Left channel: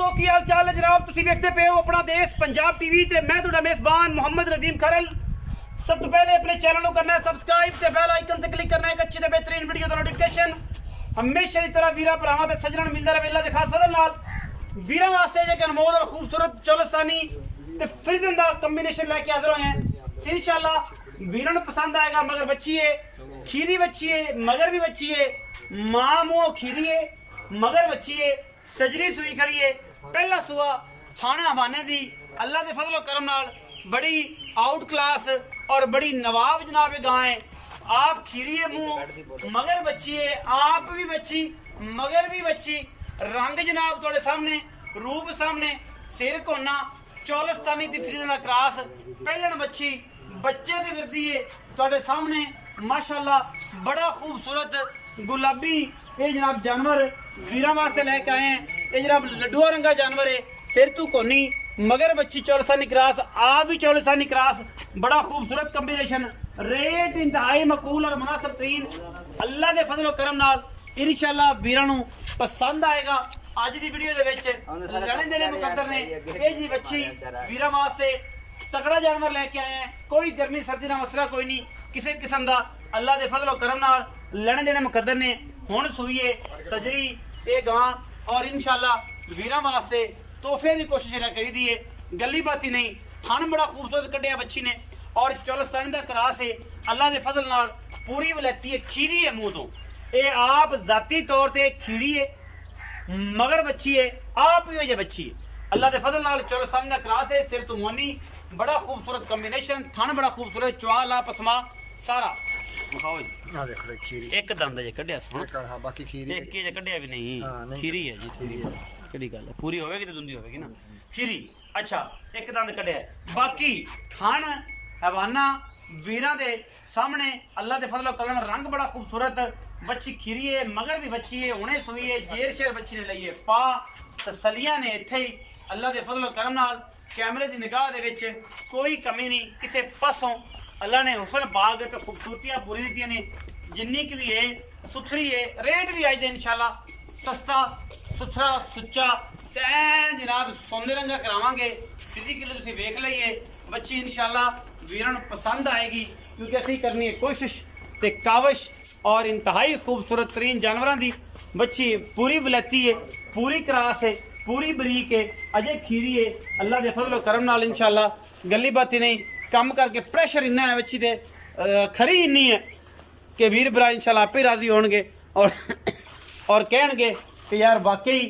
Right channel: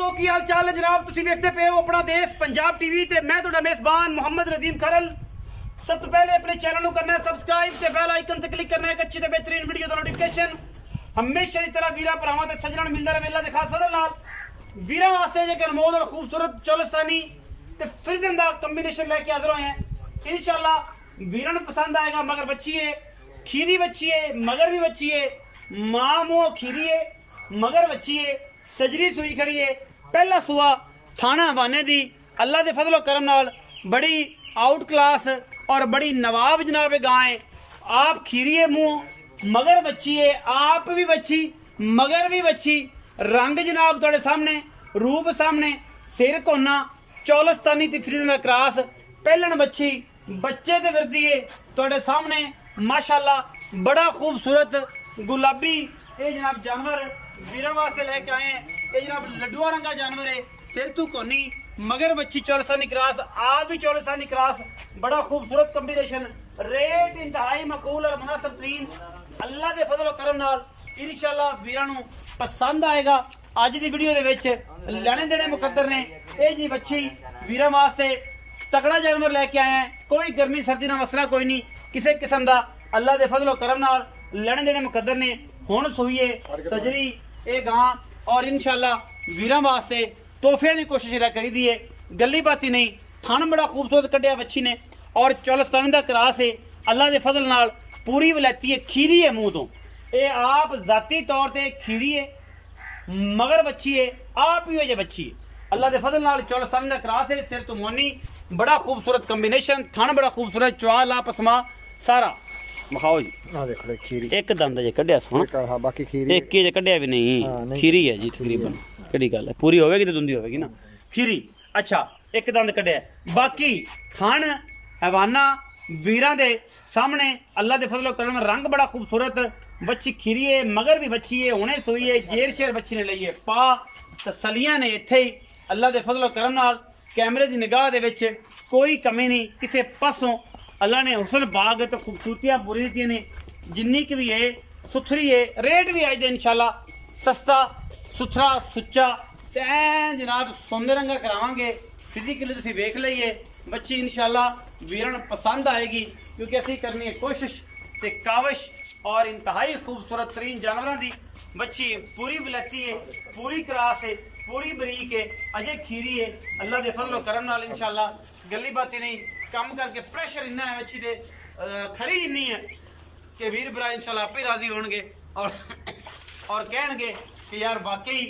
दोस्तों की हाल चाल है जनाब। तुसी देखते पे हो अपना देश पंजाब टीवी ते मैं तुहाडा मेजबान मोहम्मद नदीम खरल। सब तो पहले अपने चैनल को करना है सब्सक्राइब ते बेल आइकन ते क्लिक करना है एक अच्छी ते बेहतरीन वीडियो दा नोटिफिकेशन हमेशा की तरह वीरा भरावां ते सज्जणां नूं मिलदा रहे अल्लाह दे खास फज़ल नाल। वीरां वास्ते जे अनमोल और खूबसूरत चौलस्तानी ते फ्रिजन दा कॉम्बिनेशन लेके हाजिर होए हैं। इंशाल्लाह वीरां नूं पसंद आएगा। मगर बच्ची है, खीरी बच्ची है, मगर भी बच्ची है, मां मुंह खीरी है, मगर बच्ची है, सजरी सुई खड़ी है। पहला सुआ थाना हवाने दी अल्लाह दे फजलो करम नाल बड़ी आउट क्लास और बड़ी नवाब जनाब गाय है। आप खीरी है मुंह, मगर बच्ची है, आप भी बच्ची, मगर भी बच्ची। रंग जनाब तुहाडे सामने, रूप सामने, सिर कोना चौलस्तानी ती फ्रीजन दा क्रॉस। पहलन बच्ची बच्चे ते फिरदी है तुहाडे सामने माशाअल्लाह। बड़ा खूबसूरत गुलाबी ये जनाब जानवर वीरां वास्ते लेके आए हैं। ये जनाब लड्डुआ रंगा जानवर है, सिर तू कोनी, मगर बच्ची चौलस्तानी क्रॉस, आप भी चौलस्तानी क्रॉस। बड़ा खूबसूरत कॉम्बिनेशन, रेट इंतहाई मकूल और मुनासिब तरीन। अल्लाह दे फजल करम नाल इंशाअल्लाह वीरां नूं पसंद आएगा। अज दी वीडियो दे विच लैने देने मुकद्दर ने। ये जी बच्ची वीरां वास्ते तगड़ा जानवर लेके आए हैं। कोई गर्मी सर्दी का मसला कोई नहीं किसी किस्म का। अल्लाह दे फजल करम नाल लैने देने मुकद्दर ने। हुण सुईए सजरी ये गां और इंशाअल्लाह वीरां वास्ते तोहफे की कोशिश करी दी है। गली बाती नहीं, थन बड़ा खूबसूरत कढ़िया बच्ची ने और चौलस्तानी दा क्रॉस है। अल्लाह दे फजल नाल पूरी वलैती है, खीरी है मुंह तो। ये आप जाती तौर पर खीरी है, मगर बच्ची है, आप भी वजह बच्ची है। अल्लाह दे फजल नाल चौलस्तानी दा क्रॉस है, सिर तो मोनी। बड़ा खूबसूरत कॉम्बिनेशन, थन बड़ा खूबसूरत, चुआल आप पसमा सारा दिखाओ जी। आ देख ले खीरी एक दंद जे कढ़िया सोना, हां बाकी खीरी एक के जे कढ़िया भी नहीं, खीरी है जी तकरीबन। केड़ी गल है, पूरी होवेगी तो दुंदी होवेगी ना खीरी। अच्छा एक दंद कढ़िया, बाकी खान हवाना वीरां दे सामने अल्लाह दे फजल करम। रंग बड़ा खूबसूरत, बच्ची खीरी है, मगर भी बच्ची है, हुणे सोई है, जेर शेर बच्ची ने लई है। पा तसलियां ने इत्थे ही अल्लाह दे फजल करम नाल। कैमरे की निगाह दे विच कोई कमी नहीं किसी पासों। अल्लाह ने हुस्न बाग तो खूबसूरतियां पूरी दी ने जिन्नी की भी है, सुथरी है। रेट भी अज दे इंशाल्लाह सस्ता सुथरा सुच्चा जनाब सोने रंगा करावांगे। फिजिकली तुसीं वेख लईए बच्ची इंशाल्लाह वीरां नूं पसंद आएगी, क्योंकि असीं करनी है कोशिश ते काविश। और इंतहाई खूबसूरत तरीन जानवरां दी बच्ची पूरी वलैती है, पूरी क्रॉस है, पूरी बरीक है, अजय खीरी है। अल्लाह दे फजल करम नाल इंशाल्लाह गली बाती नहीं कम करके प्रेशर इन्ना है बच्ची दे, खरी इन्नी है कि वीर भरा इंशाल्लाह आपे राजी होणगे और कहणगे कि यार वाकई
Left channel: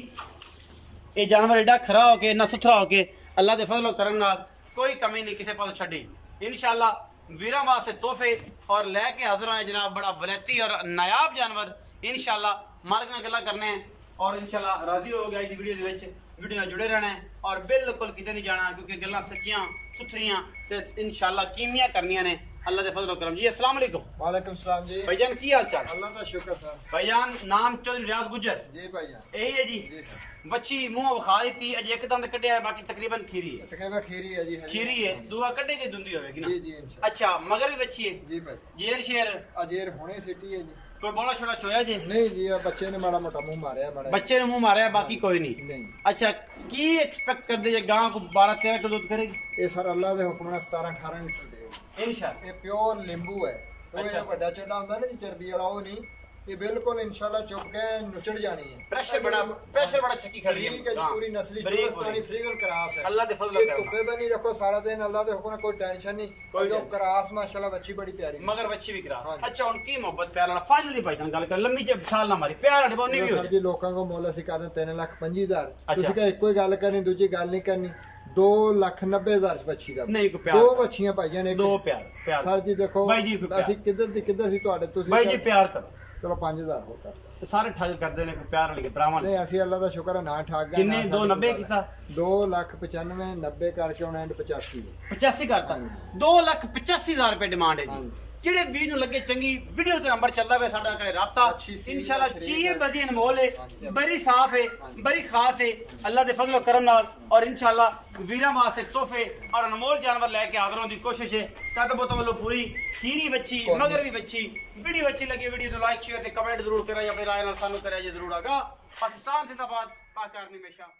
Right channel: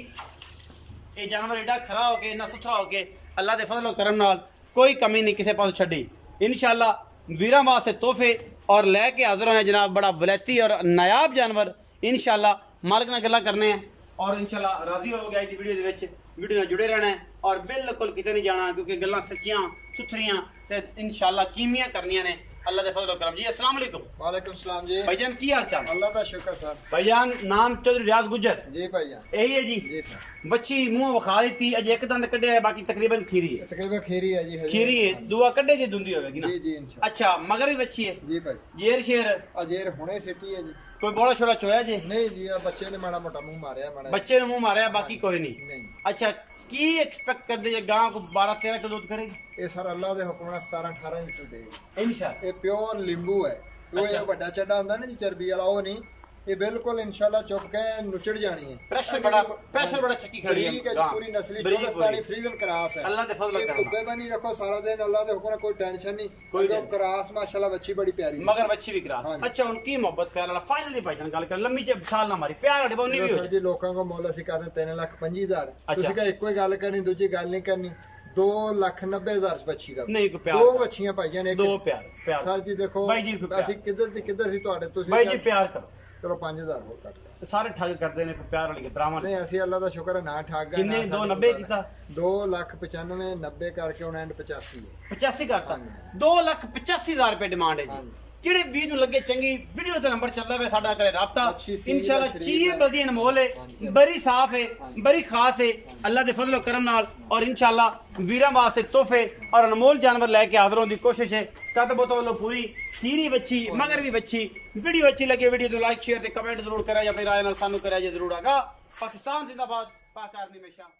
ये जानवर एडा खरा हो के, इन्ना सुथरा हो के अल्लाह दे फजल करम नाल कोई कमी नहीं किसी पास छड़ी। इंशाल्लाह वीरां वास्ते तोहफे और लैके हाजिर होए जनाब। बड़ा वलैती और नायाब जानवर इंशाल्लाह मालिक नाल गल्लां करने हैं और इंशाल्लाह राजी हो गया। वीडियो दे विच वीडियो नाल जुड़े रहना है और बिल्कुल किते नहीं जाना, क्योंकि गल्लां सच्चियां सुथरियां ते इंशाल्लाह कीमियां करनियां ने। अल्लाह दे फजल करम जी। अस्सलाम वालेकुम। वालेकुम सलाम जी। भाईजान की हाल चाल? अल्लाह दा शुक्र सर। भाईजान नाम चौधरी रियाज गुजर जी भाईजान यही है जी? जी सर। बच्ची मुंह विखा दी अज एक दंद कढ़िया है, बाकी तकरीबन खीरी है। तकरीबन खीरी है जी। खीरी है, दुआ कढ़े की दुंदी होगी ना? जी जी इंशाल्लाह। अच्छा मगर भी बच्ची है जी भाई। जेर शेर अजेर हुणे सिटी है जी। कोई बोला छोड़ा चोया जी? नहीं जी, बच्चे ने माड़ा मोटा मुंह मारया, माड़ा बच्चे ने मुंह मारा, बाकी कोई नहीं। नहीं। अच्छा की एक्सपेक्ट कर दे गां को 12-13 किलो दूध करेगी? ये सर अल्लाह दे हुक्म नाल 17-18 लीटर दे इंशाल्लाह। ये प्योर लींबू है। वो ये बड़ा चड्डा हुंदा ना जी चर्बी वाला, वो नहीं, ये बिल्कुल इंशाल्लाह चुप के नुचड़ जानी है। प्रेशर बड़ा चक्की खड़ी है। ठीक है जी, पूरी नस्ली चौलस्तानी फ्रीजन क्रॉस है। अल्लाह दे फजल ये करम। धुप्पे पे नहीं रखो सारा दिन, अल्लाह दे हुक्म नाल कोई टेंशन नहीं। कोई क्रॉस माशाल्लाह बच्ची बड़ी प्यारी मगर बच्ची भी करा। अच्छा उनकी मोहब्बत प्यार वाला फाइनली भाईजान गल कर लंबी जे साल ना मारी प्यार वाली बोनी भी हो सर जी। लोकां को मोल ਅਸੀਂ ਕਰਦੇ 3,25,000। अच्छा। ਤੁਸੀਂ ਕਹੇ ਇੱਕੋ ਹੀ ਗੱਲ ਕਰਨੀ, ਦੂਜੀ ਗੱਲ ਨਹੀਂ ਕਰਨੀ। 2,90,000 ਬੱਚੀ ਦਾ नहीं को प्यार ਦੋ ਬੱਚੀਆਂ ਭਾਈਆਂ ਨੇ। दो प्यार ਸਰ ਜੀ ਦੇਖੋ भाई जी को ਅਸੀਂ ਕਿੱਧਰ ਸੀ ਤੁਹਾਡੇ, ਤੁਸੀਂ भाई जी प्यार करो। ਚਲੋ 5,000 ਹੋਰ ਕਰ ਦਿਓ। सारे ठग करते ने प्यार वाली के भरावां ਨਹੀਂ ਅਸੀਂ ਅੱਲਾ ਦਾ ਸ਼ੁਕਰ ਹੈ ਨਾ ਠੱਗ ਗਏ। किन्ने 290 कीता? 2,95,000 90 ਕਰਕੇ ਹੁਣ ਐਂਡ 85 85 करता। 2,85,000 रुपए डिमांड है जी। हाँ। ਜਿਹੜੇ ਵੀਰ ਨੂੰ ਲੱਗੇ ਚੰਗੀ ਵੀਡੀਓ ਤੇ ਨੰਬਰ ਚੱਲਦਾ ਵੇ ਸਾਡਾ ਕਰੇ ਰਾਬਤਾ। इंशाल्लाह चीज़ बड़ी अनमोल है, बड़ी साफ है, बड़ी खास है अल्लाह दे फजल करम नाल। और इंशाल्लाह वीरां वास्ते तोहफे और अनमोल जानवर लेके हाजिर होने की कोशिश है। तद बोतो वालों पूरी खीरी बच्ची मगर भी बच्ची। वीडियो अच्छी लगे वीडियो तो लाइक शेयर ते कमेंट जरूर करा या फिर राय नाल सानू करा जरूर आगा। पाकिस्तान जिंदाबाद, पाक आर्मी हमेशा।